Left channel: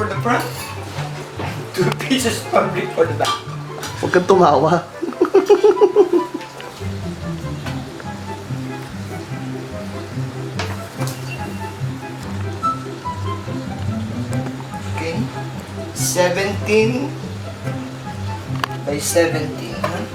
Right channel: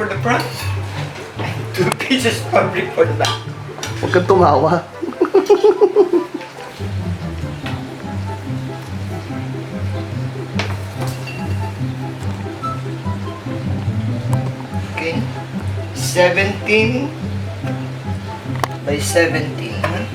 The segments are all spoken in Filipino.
for the front and 2 pieces fabric for the back. Huwag kang tumawa. Okay, 17 by 17, huh?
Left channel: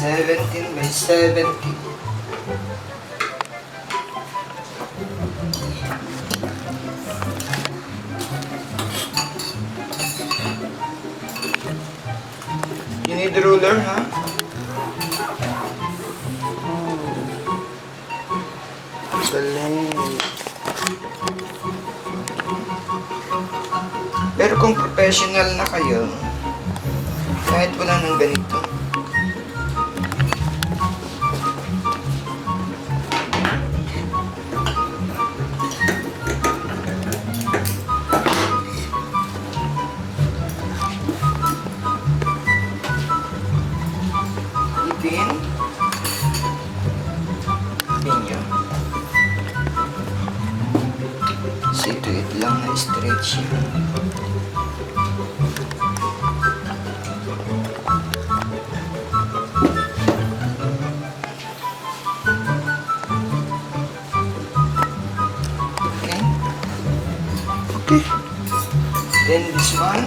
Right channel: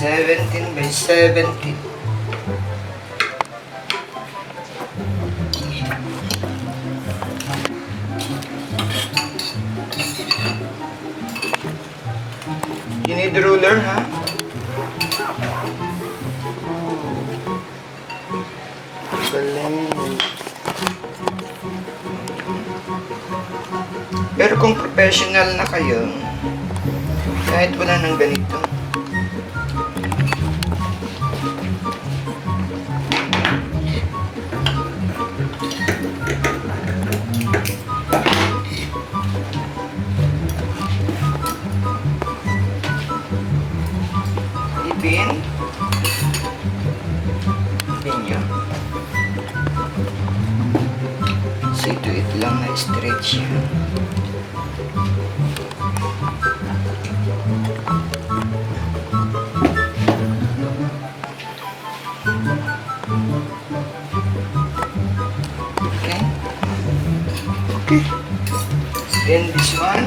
Seventeen by 17. You need the ruler, huh? Galing. Pero kung professional na kayo, kahit wala nang ganito, ipin nyo. See to it lang na stretch yun. Okay. Okay. Then this one,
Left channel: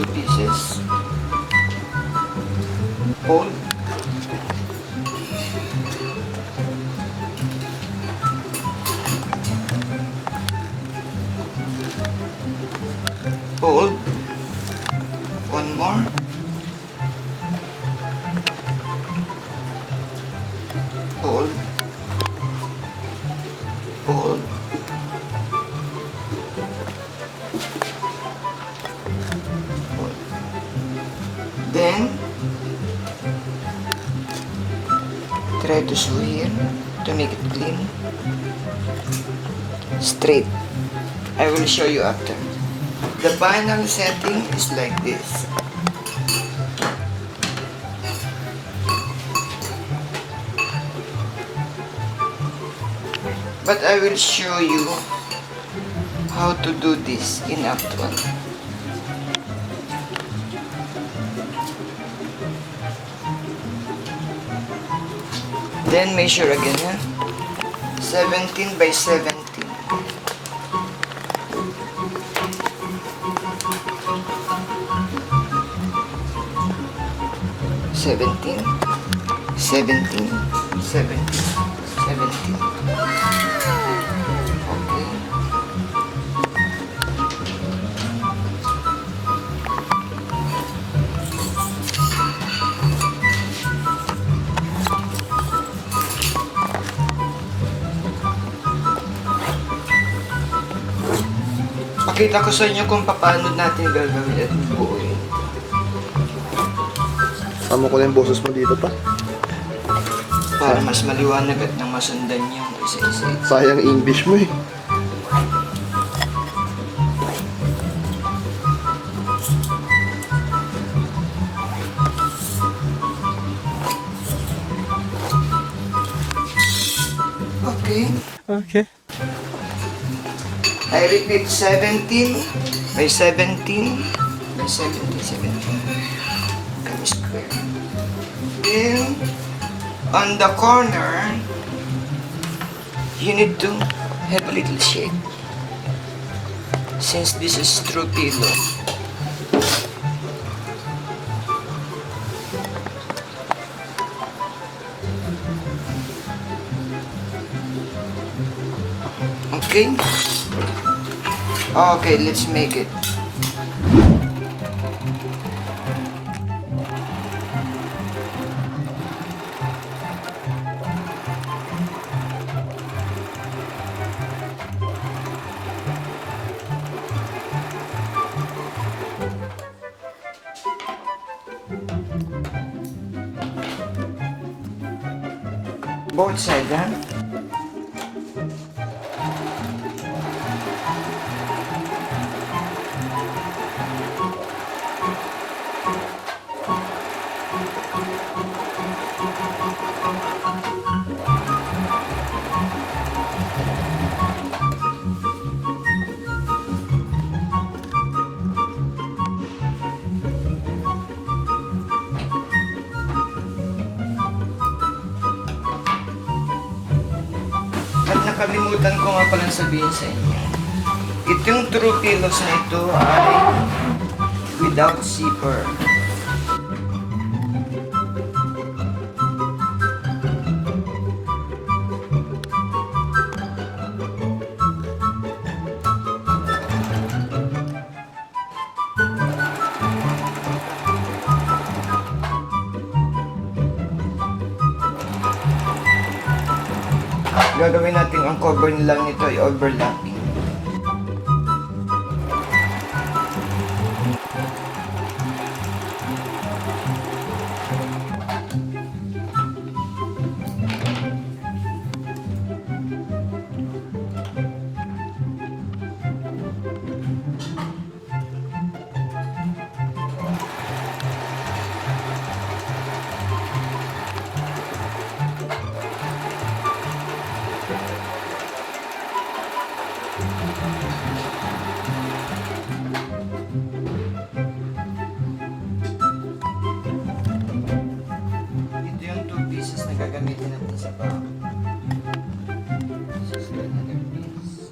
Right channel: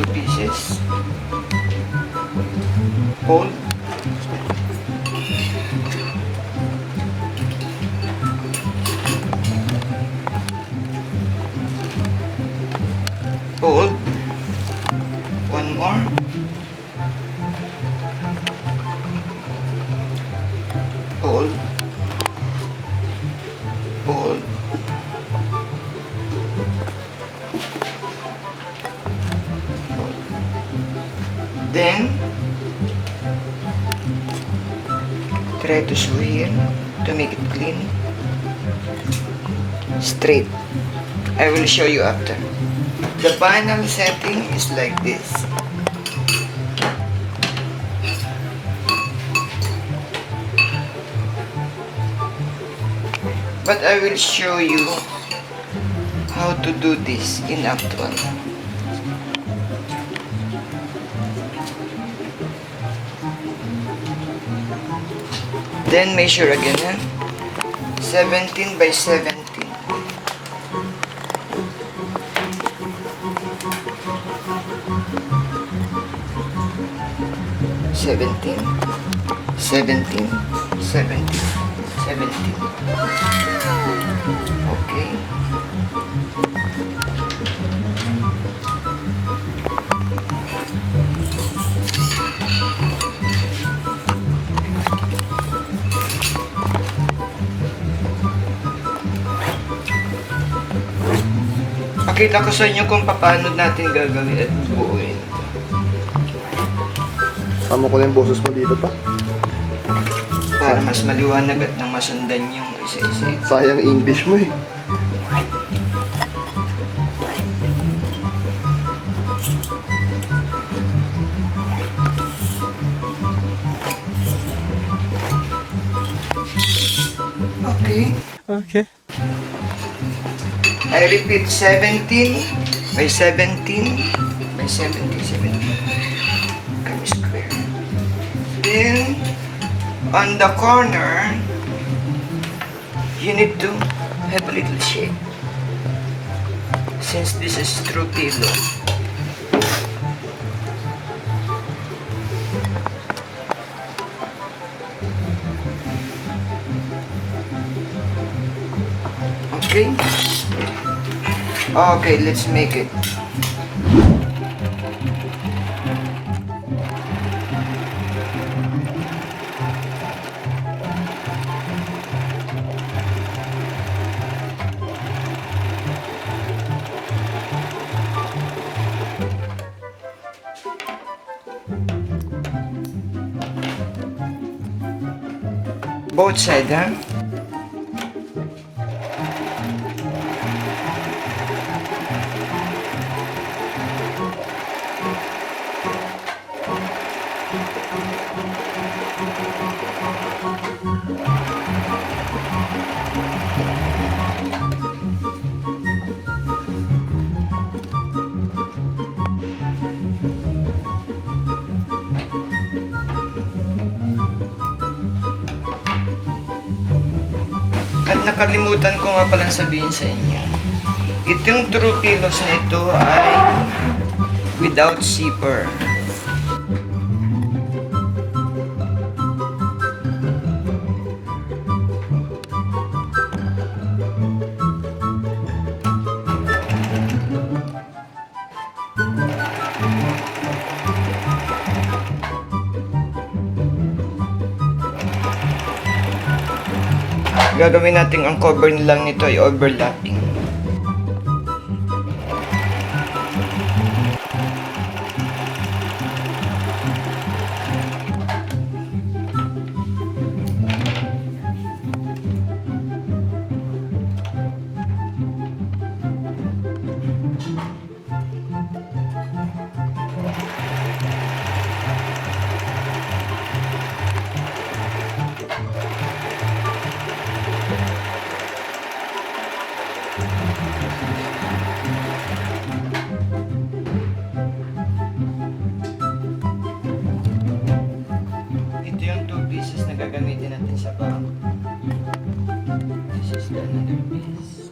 2 pieces. Hold. Hold. One more. Hold. Hold. Hold. Then, try to sew here to make it clean. Straight. I will show you after. The final setting is like this. But I will show you how to do this in Act 1. Then measure again, huh? 17 by 17. 17, 17, 17, 17. Okay. Pakita ko sa inyo kung paano natin gagawin at buuin ito. Sama ko na yung boses mo dito pa. Para mas maliwanag at nang masundan yung isa-isa. Sayang English mo eh. Okay. Okay. I repeat, 17 by 17 by 17, 17. Come square. Then, on the corner, you need to have a little shape. Since this is true pillow. Okay? Okay, let's make it. Both sides, huh? At nakalimutan ko nga palang sabihin sa inyo. Itong True Pillows na ito ay without zipper. Gagawin natin ang cover lang nito ay overlapping. Ito yung 2 pieces na gagamitin natin sa back. This is another piece.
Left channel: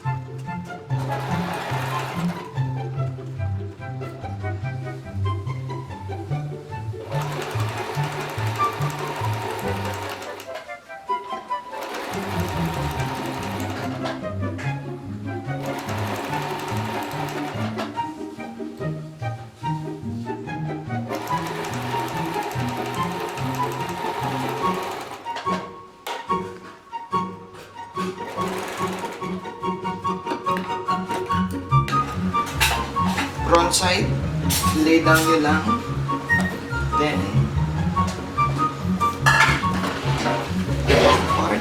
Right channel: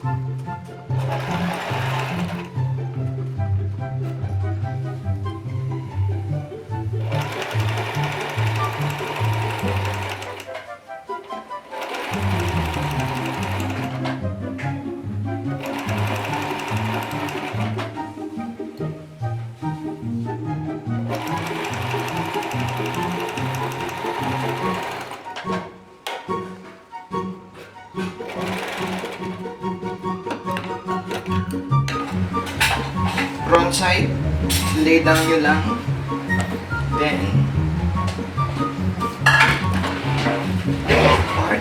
Front side, lay down nyo lang. Then, back part.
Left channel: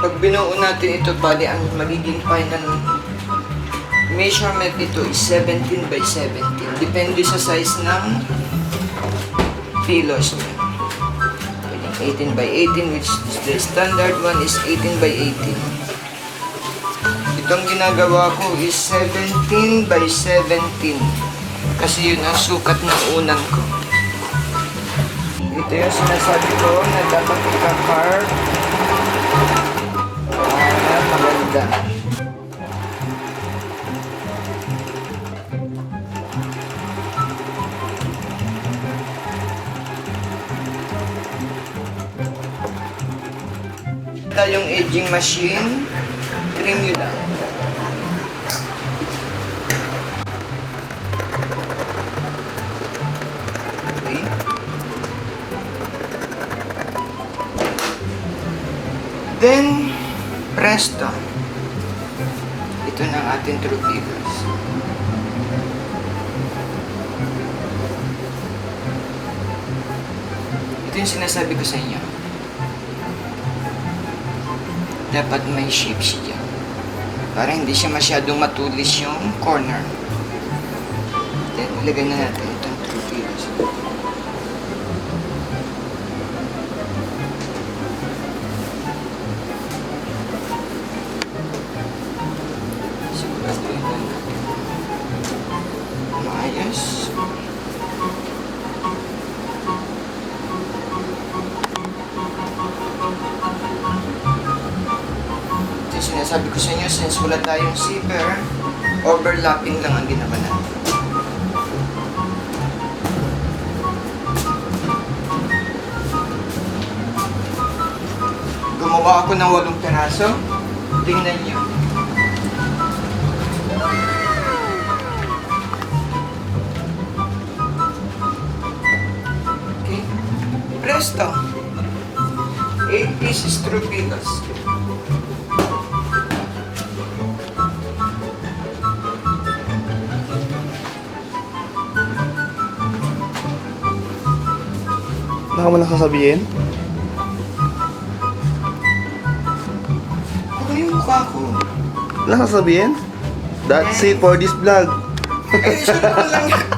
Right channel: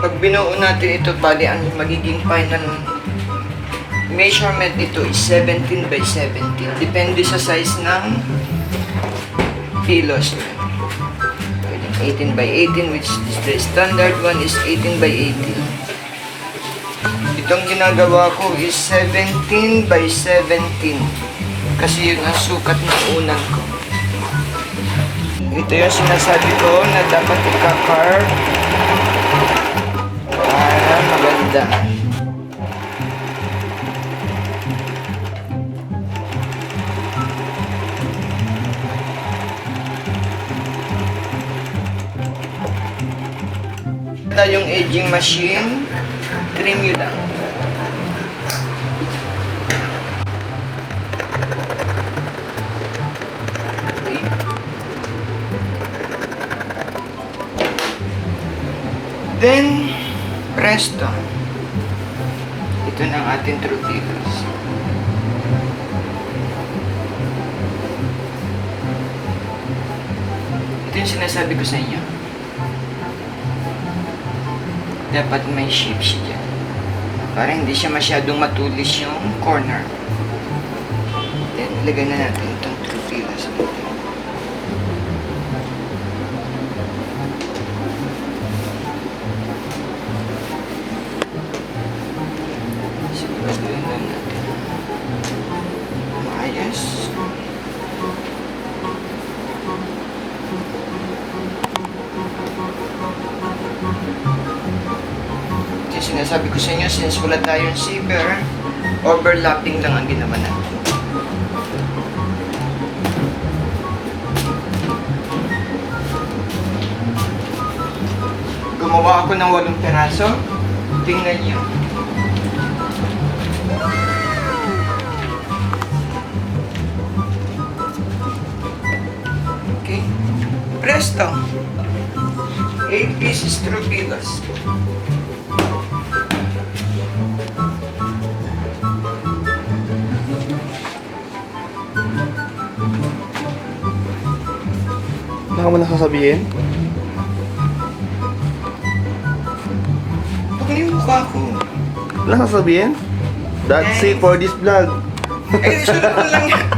Pag binuo natin ito, bali ang magiging final measurement nito is 17 by 17. Depende sa size ng pillows nyo. 18 by 18, which is the standard one is 18 by 18. Itong ginagawa ko is 17 by 17 kasi yun ang sukat ng unang ko. Ito yung sinasabi ko na dapat ika-carve para maganda. Yung edging machine, trim nyo lang. Okay. Then, presto. Ito na ang ating True Pillows. Ito yung sinasabi ko sa inyo. Dapat may shape siya dyan. Para hindi siya masyadong matulis yung corner. Then, ilagay na natin itong True Pillows dito. Siguraduhin lang natin. Maayos. Sinasabi ko sa inyo, since wala tayong zipper, overlapping lang ang ginawa natin. Gumawa ako ng 8 peraso. Tingnan nyo. Okay. Presto. 8 pieces True Pillows. Wala ka mo nakasabihin? Huwag na yung mukha ko. Wala ka sasabihin? That's it for this vlog. Ay, sunod mo lang yan.